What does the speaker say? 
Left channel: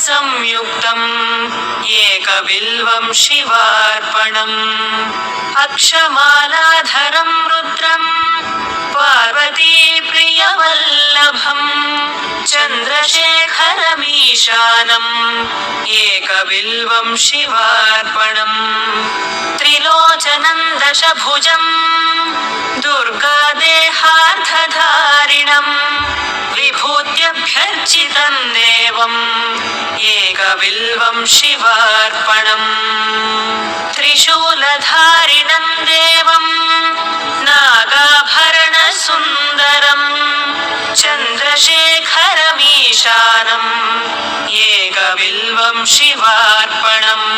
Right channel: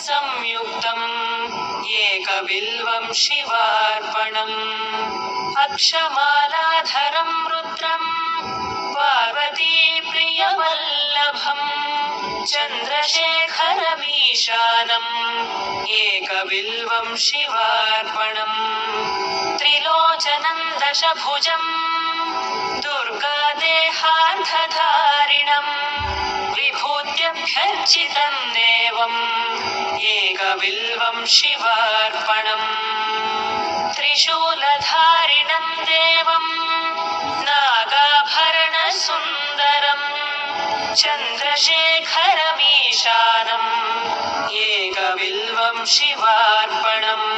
संयुक्तम् एकबिल्वं शिवार्पणम् अक्षमालाधरं रुद्रम् पार्वतीप्रियवल्लभम् चन्द्रशेखरमीशानम् एकबिल्वं शिवार्पणम् त्रिलोचनं दशभुजम् दुर्गादेहार्थधारिणम् विभूत्यभ्यर्चितं देवम् एकबिल्वं शिवार्पणम् त्रिशूलधारिणं देवम् नागाभरणसुन्दरम् चन्द्रशेखरमीशानम् एकबिल्वं शिवार्पणम्